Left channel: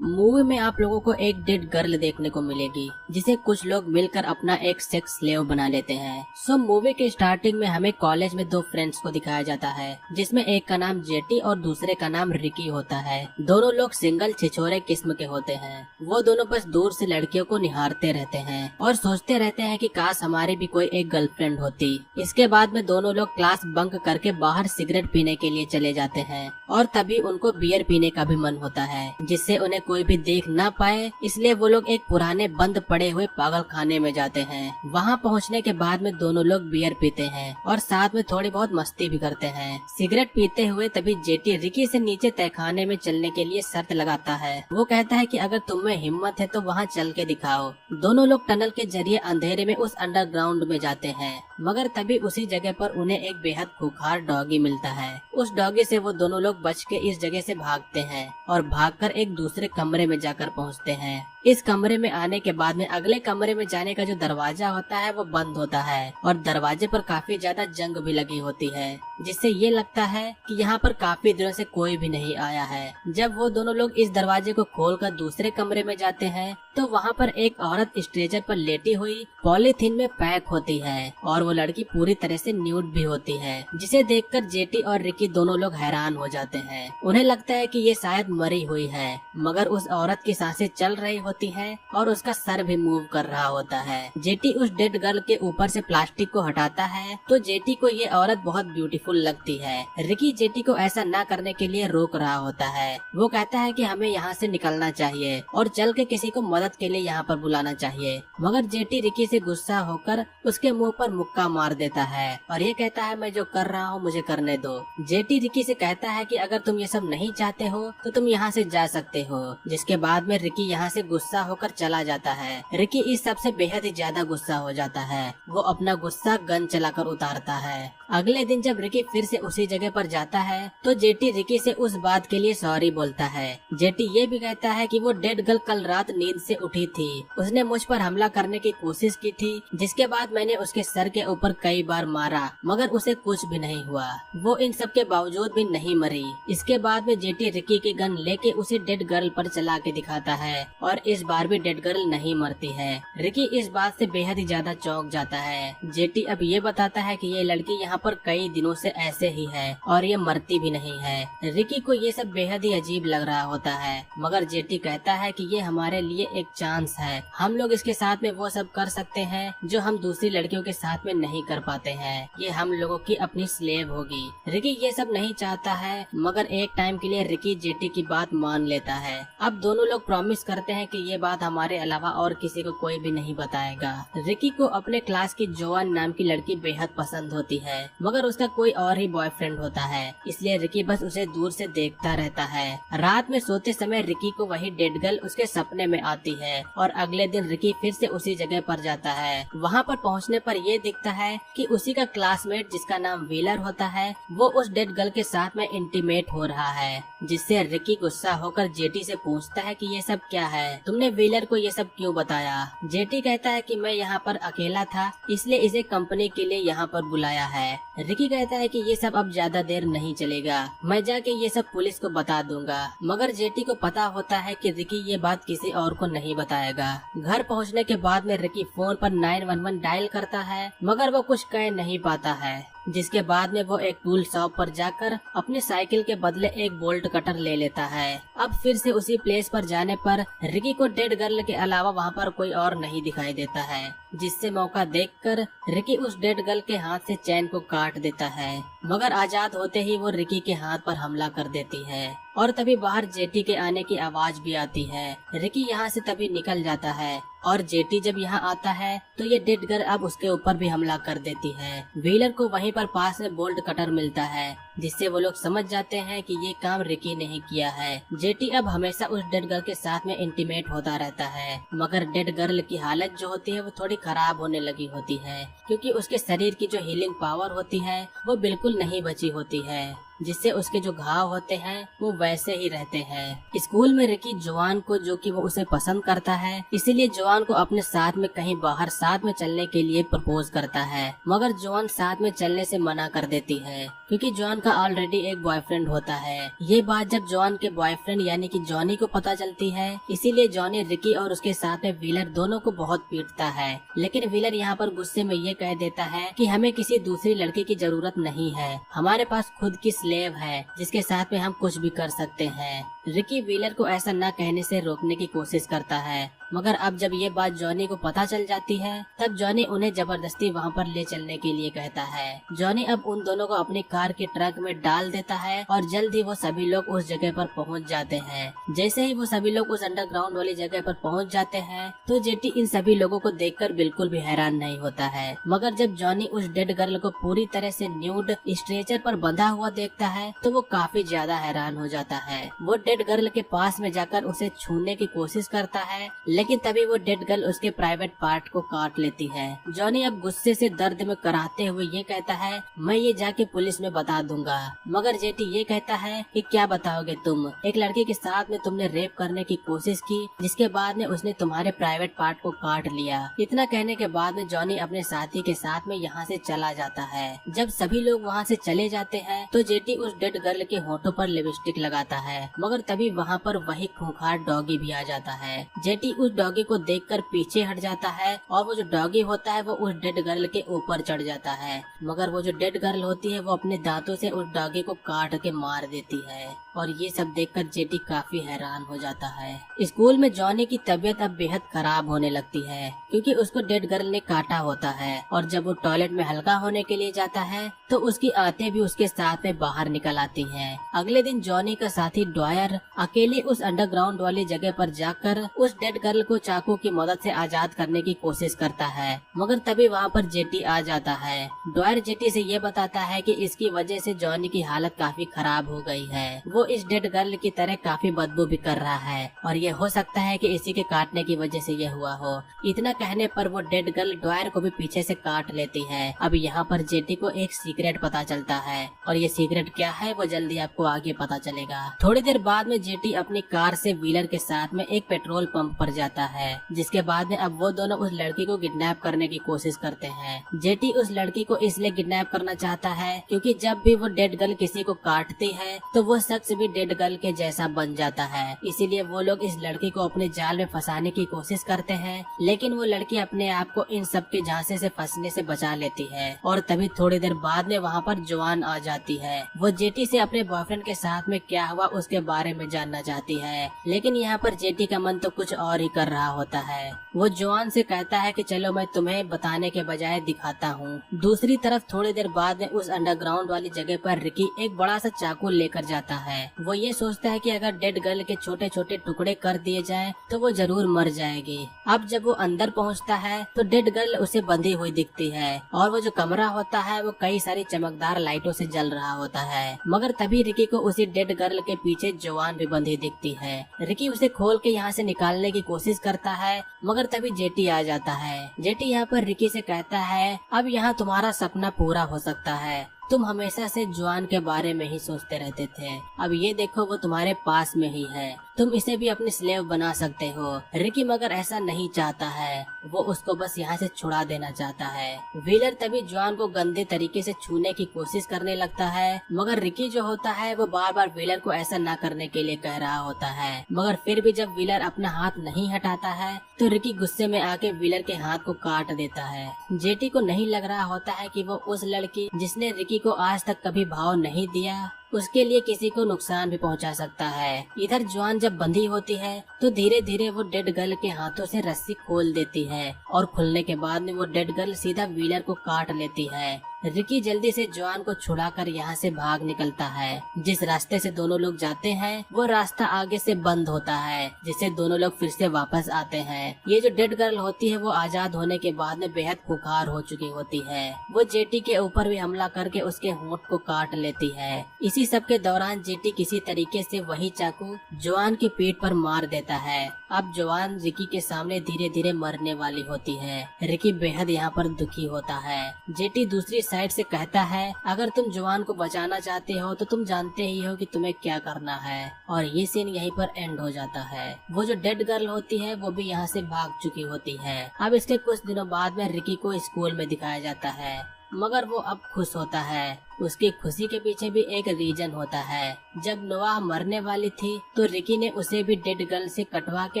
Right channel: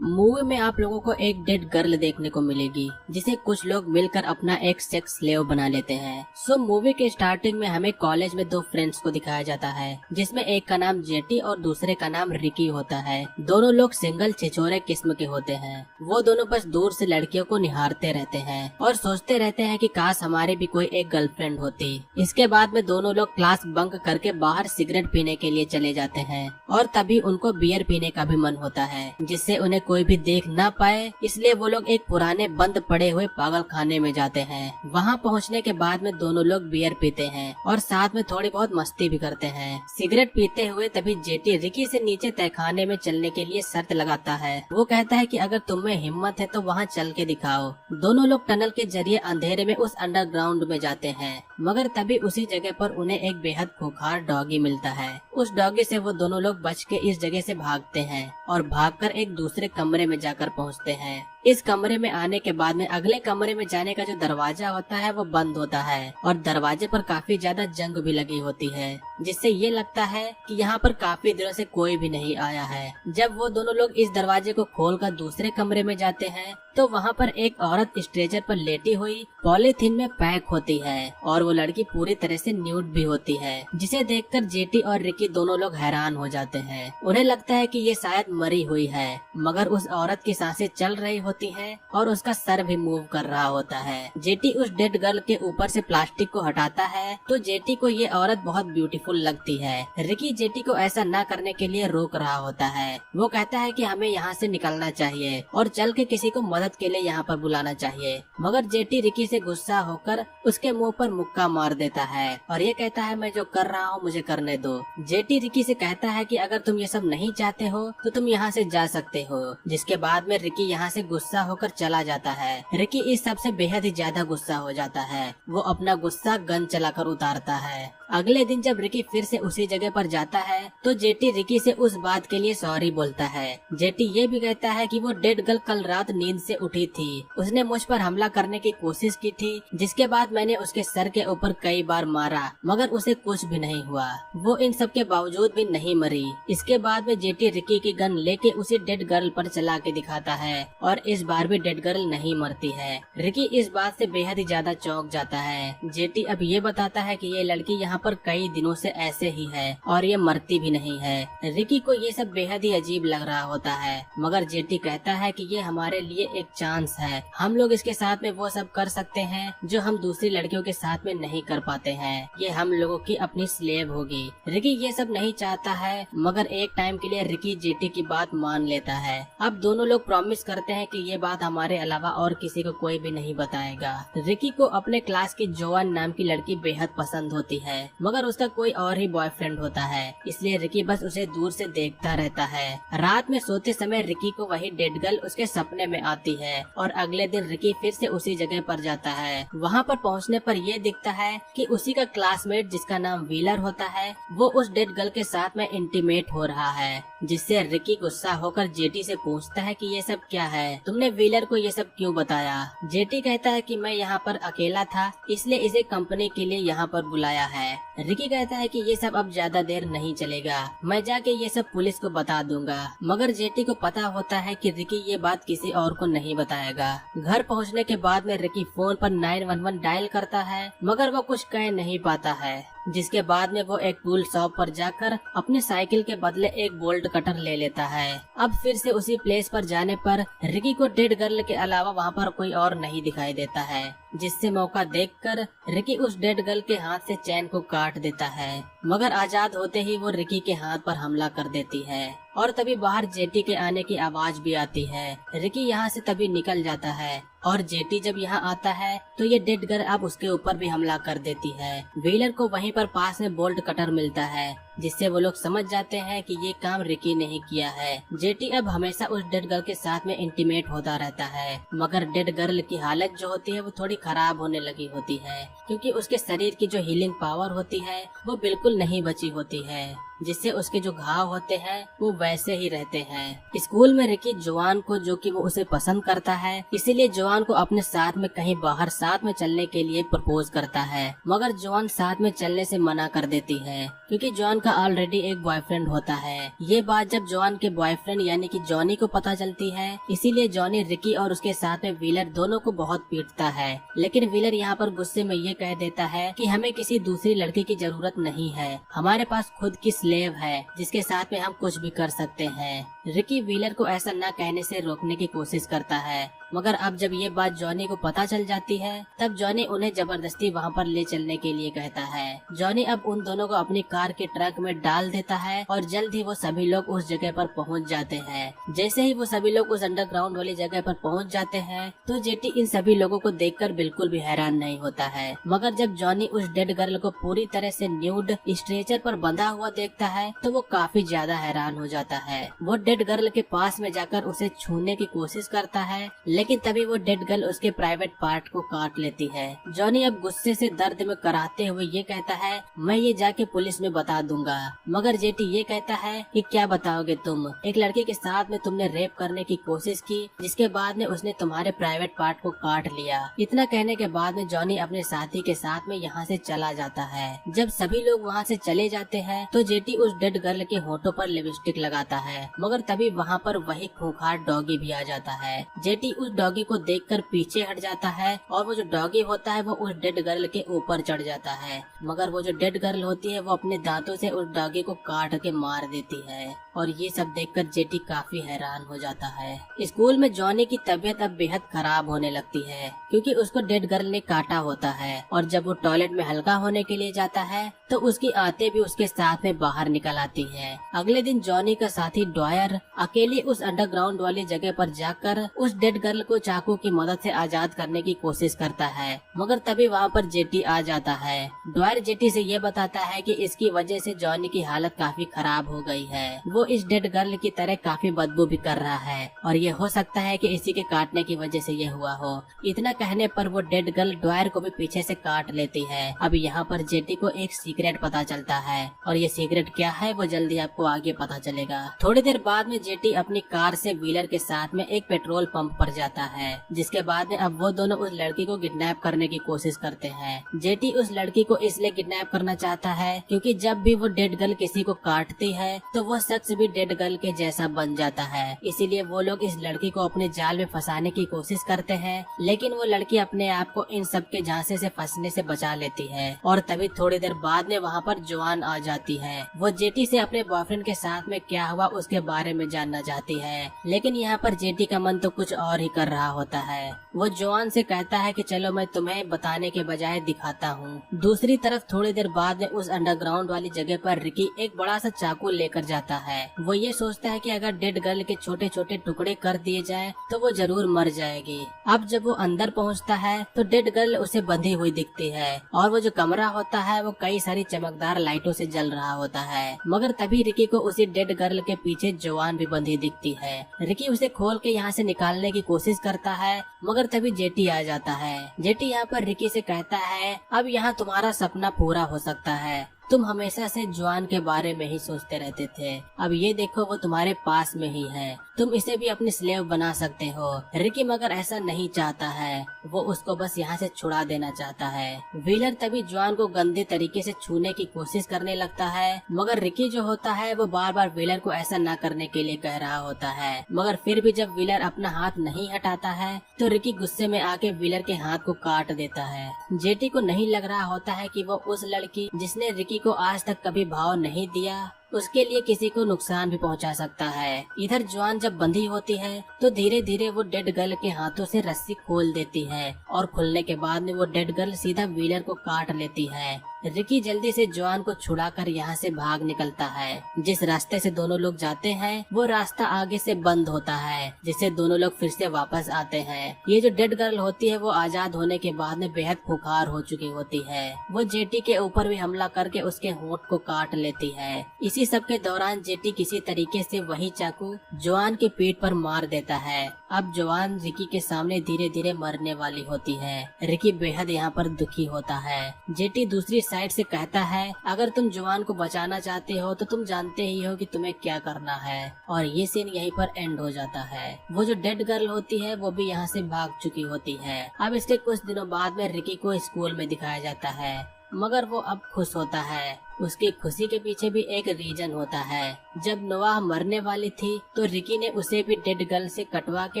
Movie में आप लोगों को एक डेड गर्ल देखने को मिलेगी जिसे कुछ लोग मिलकर अपना एक सेक्स स्लेव बना लेते हैं। सो मूवी के स्टार्टिंग में हमें कॉलेज में दो फ्रेंड्स को दिखाया जाता है जिसमें एक का नाम जेटी और दूसरे का नाम रिकी होता है। दोनों लोग सिंगल छिछोरे किस्म के होते हैं। वो दोनों बस दूर से लड़कियों को निहारते रहते हैं और सोचते रहते हैं कि काश हमारी भी कोई एक गर्लफ्रेंड होती। इसके बाद में दोनों लोग क्लास बंक करके बाहर सिगरेट पीने के लिए चले जाते हैं और तभी उनको बियर पीने का भी मन होता है जिससे उन्हें कोई भी देख ना पाए, इसलिए वो लोग एक पुराने बंद पड़े हुए पागल खाने में जाते हैं। वहाँ पहुँचने के बाद में दोनों लोग बियर पीते हैं और साथ में थोड़ी बहुत मस्ती भी करते हैं। सिगरेट पीते हुए तभी जेटी रिकी से नीचे तहखाने में चलने के लिए शर्त लगाता है। वो कहता है कि अगर तुम में हिम्मत है तो वहाँ चल के दिखाओ। दोनों लोग टनल के जरिए अंधेरे में उस अंडरग्राउंड में जाते हैं, मगर तभी उसी जगह पर उन्हें एक बेहद खूंखार डॉगी मिलता है। उस डॉगी से वो दोनों लोग बच के इस जगह से भागते हैं और भागकर एक दूसरे कमरे में जाकर पहुंचते हैं। इस कमरे में आने के बाद में अगले कमरे में जाने का जो दरवाजा होता है वो बंद होता है और दरवाजे पर काफी ज्यादा जंग भी लगी होती है, जिससे ये लगता है कि यहाँ पर काफी दिनों से कोई भी नहीं आया है। जब वो दोनों लोग इस दरवाजे को खोलकर दूसरे कमरे में जाते हैं तो वहाँ पर एक औरत स्ट्रेचर पर लेटी हुई पॉलीथीन में पैक होती है और वो लड़की पूरी तरह से न्यूड भी होती है, जिसे देखकर जेटी और रिकी दोनों लोग हैरान हो जाते हैं। उन्हें लगता है कि ये शायद मरी हुई है, मगर उस औरत की सांसें चल रही होती हैं और उसका सर भी मूव कर रहा होता है। जेटी उस डेड गर्ल के ऊपर से प्लास्टिक को हटाता है तो जेटी को ये औरत बहुत ब्यूटीफुल लगती है। रिकी जेटी को ऐसा ना करने के लिए रोक रहा होता है। वो कहता है कि हमें यहाँ से निकलना चाहिए और चल के किसी को मदद के लिए यहाँ पर बुलाना चाहिए, मगर जेटी रिकी से गुस्सा होकर उसके मुंह पर मुक्का मार देता है और ये कहता है मैं जो कर रहा हूँ मुझे करने दो। जेटी रिकी से कहता है कि अगर तुम ये सब नहीं चाहते हो तो तुम यहाँ से जा सकते हो, जिसके बाद में रिकी यहाँ से गुस्सा होकर चला जाता है। रिकी इस सब से बेहद ही ज्यादा गुस्सा हो जाता है। वो अपना गुस्सा गन चलाकर उतारता है। अगले दिन जब रिकी फिर से उसी जगह पर जाता है तो जेटी रिकी से उस बात के लिए सॉरी बोलता है। जेटी ये भी कहता है कि वो डेड गर्ल कल रात नींद से उठी थी, उसने मुझ पर हमला करने की कोशिश की थी, जिसके बाद मैंने उसके सर के ऊपर कई बार मारा मगर उसे कुछ भी नहीं हुआ। वो इन सब के बावजूद भी नहीं मरी। इसके बाद में जेटी रिकी की गन लेके उसी डेड गर्ल पर चला के दिखाता है और इस बार भी डेड गर्ल नहीं मरती है। रिकी इस बात से बेहद ही ज्यादा चौंक जाता है। जेटी अब ये बताता है कि ये लड़की यहाँ पर कई दिनों से ऐसे ही है और ये मरती भी नहीं है। रिकी को ये सब बेहद ही अजीब लग रहा होता है, मगर जेटी कहता है कि ये हमारे लिए एक चांस है, हम लोग इसके साथ में वो सब कर सकते हैं जो हम दूसरी लड़कियों के साथ में नहीं कर पाते हैं। ये हम लोगों की अपनी स्लेव होगी। रिकी ये सब नहीं चाहता है, मगर एक टाइम के लिए रिकी जेटी की बात मान लेता है। अब दोनों लोग प्रॉमिस करते हैं कि ये बात हमारे अलावा और किसी को कोई भी नहीं बताएगा। रिकी को अपने क्लास की जोआन नाम की लड़की बेहद पसंद होती है, मगर उसका कोई और ही बॉयफ्रेंड होता है, इसलिए रिकी बस उसे दूर से देखता रहता है। रात में सोते समय रिकी को वही डेड गर्ल उसके सपने में आती है और अगले दिन रिकी फिर से उसी जगह पर जाता है। वहाँ पर पहुँचने पर यह दिखता है कि उसी का क्लासमेट जिसका नाम व्हीलर होता है वो उस डेड गर्ल के साथ में इंटीमेट हो रहा है, जिससे रिकी गुस्सा होकर जेटी से पूछता है कि ये सब क्या है, तुमने व्हीलर को ये सब क्यों बताया। जेटी कहता है कि मैं यहाँ पर अकेला था इसलिए इसे कंपनी के लिए यहाँ पर बुलाया है। रिकी कहता है कि ये सब अब ज्यादा देर नहीं चलेगा, मैं जाके ये सब पुलिस को बता दूंगा, मगर जेटी को पता होता है कि रिकी ये बात किसी और को नहीं बताएगा। घर पहुंचने के बाद में रिकी फोन पर 911 डायल करता है, मगर वो कुछ कह नहीं पाता है, जिसके बाद में वो एक टूल शॉप पर जाकर अपने साइकिल के बदले एक बोल्ट कटर ले लेता है। अब फिर से उसी प्लेस पर जाने पर रिकी को डेड गर्ल के अलावा वहाँ पर कोई और नहीं दिखाई देता है, जिससे मौका देखकर रिकी उस डेड गर्ल के हाथ से चैन को काट देता है, मगर आजाद होते ही वो रिकी के हाथ पर हमला कर देती है और तभी बाहर जेटी के आने की आवाज भी आती है। रिकी यहाँ से तभी निकल जाता है और जेटी जब यहाँ आता है तो ये डेड गर्ल अब उसके ऊपर भी हमला कर देती है। व्हीलर को वहीं पर पास में बोल्ट कटर मिलता है, जिससे वो लोग समझ जाते हैं कि ये काम रिकी ने ही किया है। जेटी अब हमेशा उस डेड गर्ल के साथ में इंटीमेट होता रहता है, मगर डेड गर्ल की हालत जो होती है वो थोड़ी खराब होने लगी होती है, क्योंकि उसके शरीर की जो हीलिंग पावर होती है वो बिल्कुल नहीं बची होती है। जिससे उसके जो घाव होते हैं वो वैसे ही रहते हैं। स्कूल में रिकी जोआन को, जो कि वो उसे पसंद करता है, इसीलिए जोआन को अपने साथ में कहीं बाहर साथ में चलने के लिए प्रपोज करता है, मगर जोआन साथ में चलने से मना कर देती है क्योंकि जोआन का ऑलरेडी एक बॉयफ्रेंड होता है। ये बात जब जोआन के बॉयफ्रेंड यानी कि जॉनी को पता चलती है, इसीलिए जॉनी रिकी और उसके साथ में व्हीलर दोनों को बहुत पीटता है। लेकिन व्हीलर यहाँ पर गुस्से में ये कह देता है कि हमें किसी दूसरी लड़की की जरूरत नहीं है, हमारे पास खुद की स्लेव है जिसके साथ में हम कुछ भी कर सकते हैं। रिकी व्हीलर को ऐसा न कहने से रोकने की कोशिश करता है, मगर अब जब ये बात जॉनी को पता चल जाती है, तब जॉनी उन्हें जबरदस्ती वहाँ पर ले चलने के लिए कहता है। जॉनी अब उन दोनों को अपनी कार के ट्रक में डाल देता है और जल्द ही वो सभी लोग उस जगह पर पहुँच जाते हैं। जैसे ही वो सभी लोग उस अंडरग्राउंड वाली जगह पर पहुँच जाते हैं, तो जेटी इन सभी लोगों को देखकर बिल्कुल भी हैरान नहीं होता है। मगर जब जॉनी उस डेड गर्ल को पूरी तरह से न्यूड स्ट्रेचर पर बंधा हुआ देखता है, तो वो काफी ज्यादा हैरान हो जाता है। वो डेड गर्ल के पास में जाकर उसे छूने की कोशिश करता है, लेकिन तभी वो डेड गर्ल उसके प्राइवेट पार्ट को काट लेती है। जॉनी अब गुस्से से दर्द में कराहते हुए ये कहता है, मैं ये जाके पुलिस में बता दूंगा। मगर जेटी ये कहता है कि क्या बताओगे तुम, एक लड़की के साथ में तुमने रेप करने की कोशिश की, जिसके बाद में उसने तुम्हारे प्राइवेट पार्ट को काट लिया। इतना कहने के बाद में जॉनी अपने साथी के साथ में यहाँ से चला जाता है। जब सभी लोग वहाँ से चले जाते हैं, तो जेटी उस डेड गर्ल के होठों पर लिपस्टिक लगाता है, मगर तभी वहाँ पर वही खूंखार डॉगी भी आ जाता है। जेटी उस डॉगी को देखकर पीछे हट जाता है और वो जो डॉगी होता है वो उस डेड गर्ल के ऊपर चढ़ जाता है, मगर वो जो डेड गर्ल होती है वो अपने दांतों से उस डॉगी को काट के मार देती है। और ये सब देखकर जेटी काफी हैरान हो जाता है। स्कूल में जॉनी की तबीयत अब बेहद खराब होने लगती है क्योंकि उसको डेड गर्ल ने काटा होता है, और जब वो टॉयलेट में हल्का होने के लिए जाता है तो उसकी आंतें भी उसके साथ में बाहर निकल आती हैं। अगले दिन जॉनी का साथी ड्वायर अकेले उस अंडरग्राउंड वाली जगह पर जाकर उस डेड गर्ल को चाकू की मदद से आजाद करने की कोशिश करता है, मगर तभी वहाँ पर जेटी आ जाता है। ड्वायर जेटी से ये बताता है कि इसकी वजह से जॉनी की हालत काफी खराब हो गई है, वो इस डेड गर्ल की तरह काफी बदबू भी कर रहा है और ये हो सकता है कि इसी के काटने की वजह से ये हुआ हो। इतना कहने पर वो डेड गर्ल ड्वायर को भी पीछे से काट लेती है। अब यहाँ पर जेटी को एक सीक्रेट पता चलता है, और ये सीक्रेट क्या है वो जल्दी आपको आगे पता चलेगा। थोड़ी देर बाद में जेटी अपनी कार से व्हीलर के साथ में एक पेट्रोल पंप पर जाता है, जिसके बाद में अब वो दोनों उस लड़की को किडनैप करने की कोशिश करते हैं। जेटी उस लड़की को इसलिए किडनैप करना चाहता है क्योंकि जब भी वो डेड गर्ल किसी को काटती है तो वो शख्स भी डेड गर्ल के जैसा बन जाता है। इसीलिए वो लोग इस लड़की को अपने जाल में फंसाने की कोशिश करते हैं, लेकिन वो लड़की अपने आप को इन सब के झांसे से फंसने से बचा लेती है। और तभी थोड़ी देर बाद में वहाँ पर जोआन आ जाती है। वो जेटी से अपने बॉयफ्रेंड के साथ में क्या हुआ उसके बारे में जानना चाहती है, लेकिन यहाँ पर जेटी का मन तो कुछ और ही कर रहा होता है। वो जोआन से कहता है कि चलो मैं तुम्हें बताने के बजाय दिखाता हूँ। दूसरी तरफ थोड़ी देर बाद में उस अंडरग्राउंड वाली जगह पर रिकी एक बड़ा सा चाकू लेकर जाता है। वो ये सोचता है कि अगर डेड गर्ल के छोटे छोटे टुकड़े कर दिए जाएं तो वो जरूर मर जाएगी। अब जब वो अंदर पहुंचता है तो डेड गर्ल उसे बंधी हुई दिखती है, और वो जो कमरा होता है वो कई सारी चमकदार लाइटों से जल रहा होता है। मगर तभी रिकी को उसी डेड गर्ल के पीछे जोआन भी बंधी दिखती है। रिकी उसे खोल के यहाँ से निकालने की कोशिश करता है, मगर तभी जेटी आ जाता है। जेटी यहाँ पर रिकी से कहता है, अब यहाँ तुम्हारा सपना पूरा हो सकता है, तुम हमेशा से जोआन के बारे में ही सोचते रहते थे, अब ये देखो वो तुम्हारे पास में ही है, तुम इसे भी अपनी स्लेव बना सकते हो। रिकी मगर ऐसा नहीं चाहता है, वो उसको बस यहाँ से छुड़ा देना चाहता है। व्हीलर तभी जोआन को गंदे तरीके से छूने की कोशिश करने लगता है, मगर रिकी जो होता है वो बार बार व्हीलर को ऐसा न करने के लिए कह रहा होता है। मगर फिर भी जब व्हीलर अपना हाथ नहीं हटाता है तो रिकी गुस्से में आके व्हीलर के हाथ को काट देता है। जेटी को नहीं लग रहा होता है कि वो उस लड़की जिसने रिकी को आज तक कभी भाव नहीं दिया उसके लिए किसी को नुकसान भी पहुंचा सकता है। इधर जोआन जब बंधी होती है तो धीरे धीरे वो डेड गर्ल के हाथों से रस्सी खोल देती है, और खुलने के बाद में वो डेड गर्ल सीधा व्हीलर को काट लेती है। रिकी जल्दी से जोआन को छुड़ाकर यहाँ से भाग निकलता है। जिस रास्ते से दोनों लोग जाते हैं वो रास्ता आगे से बंद होता है, जिससे दोनों लोग फिर से वापस आते हैं। ये जो डेड गर्ल होती है वो आजाद होने के बाद में बेहद खूंखार हो चुकी होती है। वो जेटी के ऊपर भी हमला करके उसके होंठ को काट लेती है। इसी इसी सब के दौरान जेटी किसी तरीके से वही चाकू जॉन के पेट पर मार देता है। अब जॉन रिकी के सामने धीरे धीरे मरने वाली होती है। रिकी बेहद यहाँ पर दुखी होता है। जेटी दूसरी साइड से कहता है, अगर तुम जॉन को बचाना चाहते हो तो तुम जानते ही हो कि तुम्हें क्या करना है। और ये सीन यहीं पर एंड हो जाता है। वो जो डेड गर्ल होती है वो भी यहाँ से भाग चुकी होती है। अब इसके कुछ दिनों बाद में रिकी को स्कूल में दिखाया जाता है, मगर वो अब खुश होता है। उसकी खुशी के पीछे भी एक रीजन होता है। जब नोआह मरने वाली थी तो रिकी ने उसे भी डेड गर्ल से कटवा के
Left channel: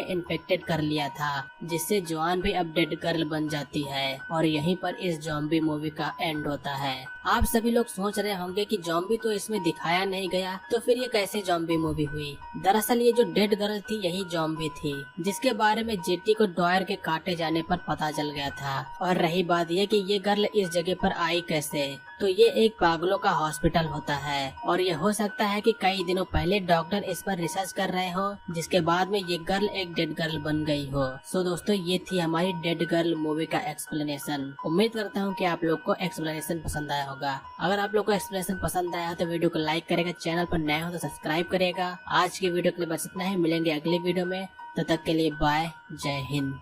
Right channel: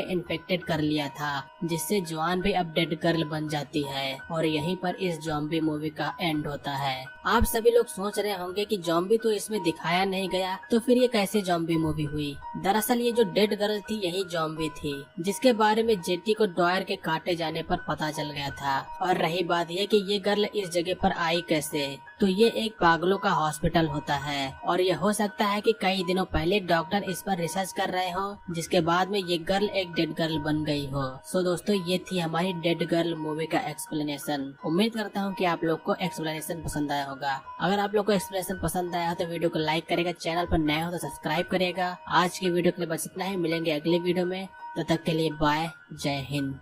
इन्फेक्टेड कर लिया था, जिससे जॉन भी अब डेड गर्ल बन जाती है। और यहीं पर इस जॉम्बी मूवी का एंड होता है। आप सभी लोग सोच रहे होंगे कि जॉम्बी तो इसमें दिखाया नहीं गया, तो फिर ये कैसे जॉम्बी मूवी हुई। दरअसल ये जो डेड गर्ल थी यही जॉम्बी थी, जिसके बारे में जेटी को डॉयर के काटे जाने पर पता चल गया था। और रही बात यह कि ये गर्ल इस जगह पर आई कैसे, तो ये एक पागलों का हॉस्पिटल होता है। और ये हो सकता है कि कई दिनों पहले डॉक्टर इस पर रिसर्च कर रहे हो, जिसके बाद में ये गर्ल एक डेड गर्ल बन गई हो। सो दोस्तों, ये थी हमारी डेड गर्ल मूवी का एक्सप्लेनेशन। उम्मीद करता हूँ कि आप लोग को एक्सप्लेनेशन पसंद आया होगा। अगर आप लोग को एक्सप्लेनेशन पसंद आया तो वीडियो को लाइक करेगा, चैनल पर नए हो तो सब्सक्राइब करेगा। आज के वीडियो के लिए बस इतना ही, मिलेंगे अगले वीडियो में। तब तक के लिए बाय, जय हिंद।